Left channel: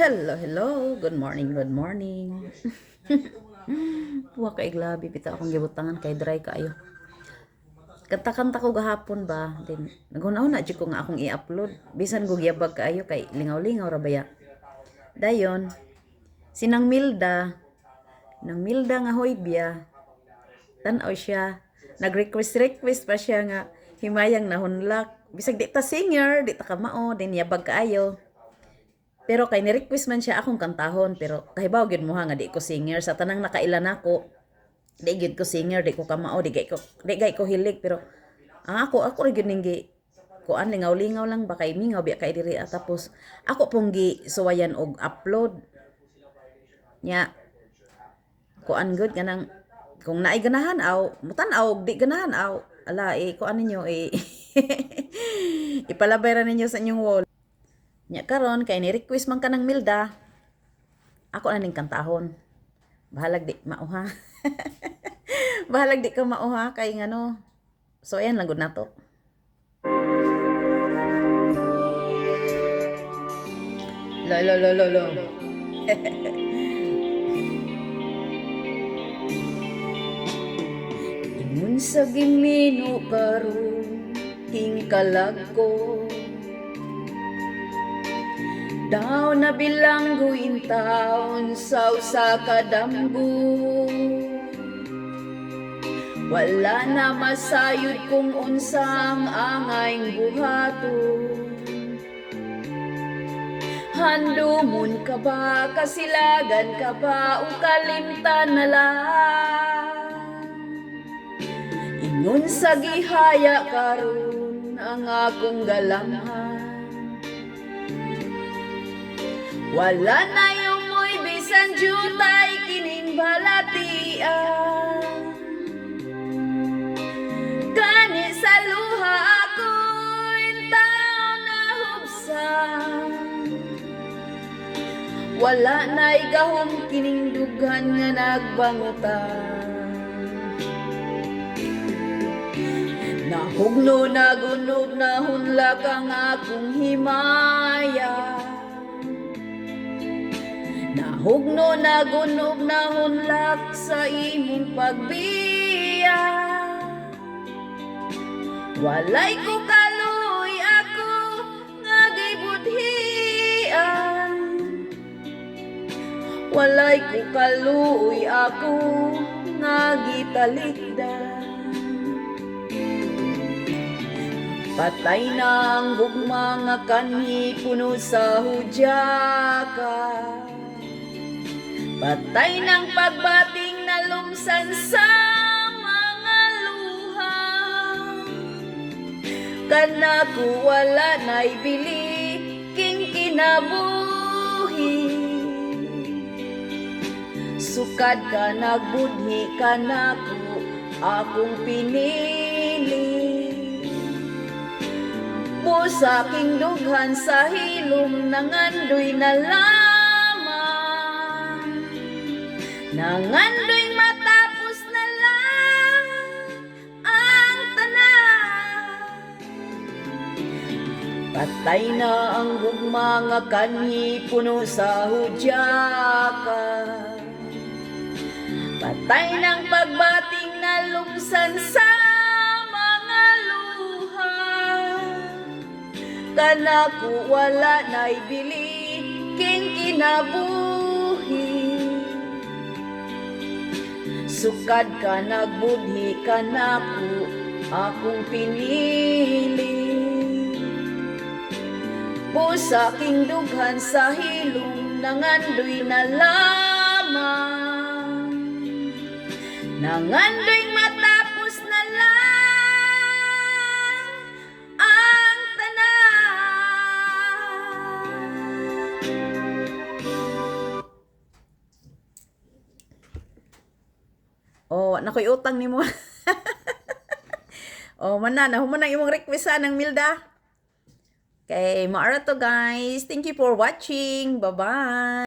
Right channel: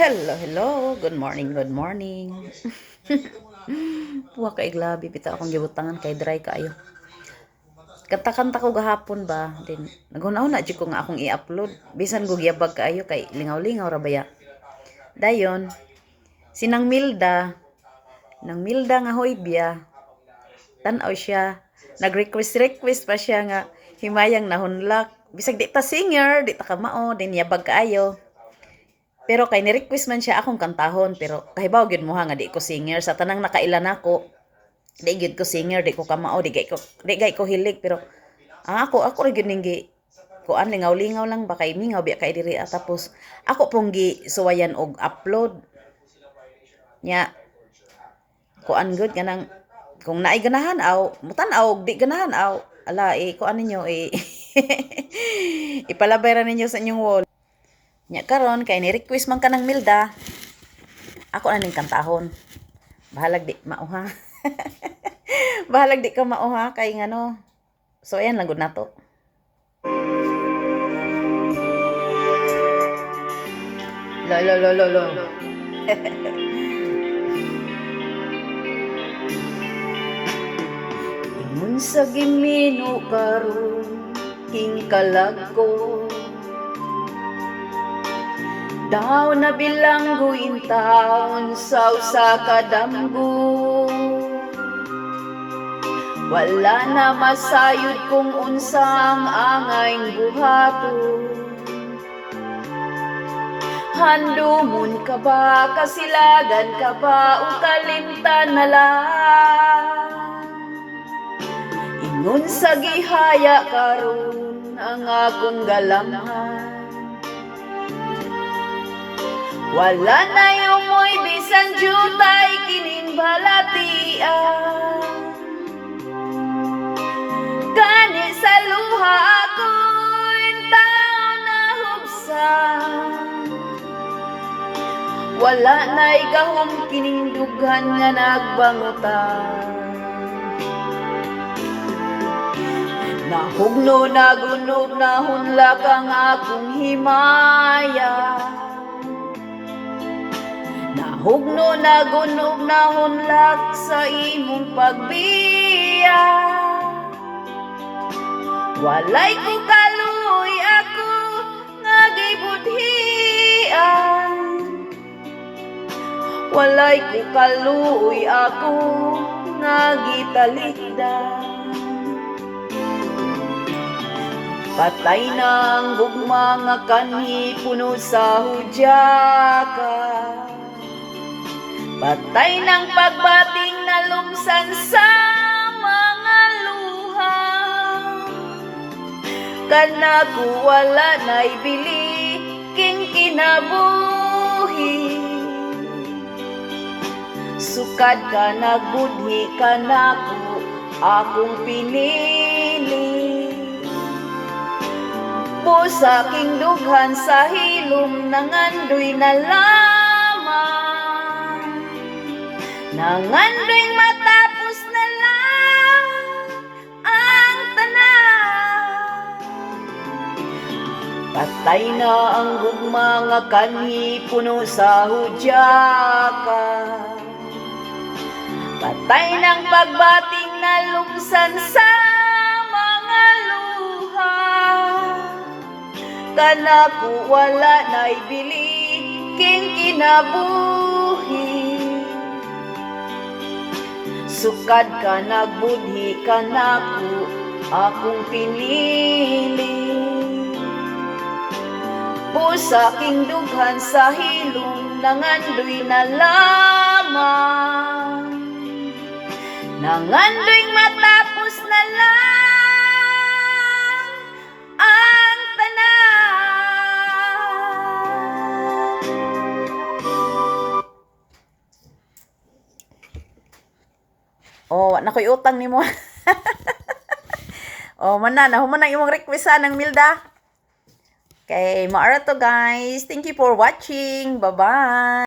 Hello, hello. Good morning, good morning. Wa kay glabi bitaw akong gibutangan kay dry kaayo. Kanta-kanta ko gahapon ba, din naghuna-huna jud ko nga akong i-upload. Bisan ko giyabag kaayo kay lingaw-lingaw ra baya. Dayon, sinang Milda, nang Milda nga hoybia, tan-aw siya. Nag-request pa siya nga himayang nahunlak. Bisag di ta singer, di ta kamao, din yabag kaayo. Pero kay ni-request man siya akong kantahon pero kahibaw gyud mo nga di ko singer sa tanang nakailan ako. Di gyud ko singer, di ko kamao, di gay ko hilig pero ako ra gyud ning gi kuan lingaw-lingaw lang ba kay mingaw biya kay diri tapos ako pong gi suwayan og upload nya kuan gud kanang kung naay ganahan aw mutan-aw di ganahan aw ala kuan ninyo ipalabay ra ninyo sa inyong wall. Nya karon kay ni-request man kanang Milda. Ako na ning kantahon. Bahalag di mauha. Bahalag di ka mauha kay ngano. So ayan lang gud nato. Lo. Ingon sa gimino karon king kalagko. Daw na bilangguin taon sa usa ka damgo. Wala na masayod kung unsang angayng buhaton. Handumon ka ba, kasilagan ka ba, o kalimtan na lang? Ingon sa gihaya karon ang akong galamhan. Wala na yung mo'y bisan jutay kining balatian. Gani sa luha ako'y tao na hubsan. Wala na'y gahom kining dughan nga nagbangutan. Nahugno nagunog nahunlak ang akong himaya. Nahugno nagunog nahunlak sa imong pagbiya. Walay ko kaluoy ako nga gibudhian. Walay ko kaluoy ako nga gitalikdan. Patay na ang gugma nga kanhi puno sa hudyaka. Patay ng pagbating na lumsan sa mga luha. Kanako wala na'y bili king kinabuhi. Sukad ka nagbudhi kanako akong pinili. Busa king dughan sa hilom nangandoy na lamang. Nangandoy matapos na lang ang tanan. Patay na ang gugma nga kanhi puno sa hudyaka. Patay ng pagbating na lumsan sa mga luha. Kanako wala na'y bili king kinabuhi. Sukad ka nagbudhi kanako akong pinili. Busa king dughan sa hilom nangandoy na lamang. Nangandoy matapos na lang ang tanan. Oh, na ko'y utang ni mo. Oh, manana, human ang imong request ng Milda. Okay, maara to guys. Thank you for watching. Bye-bye.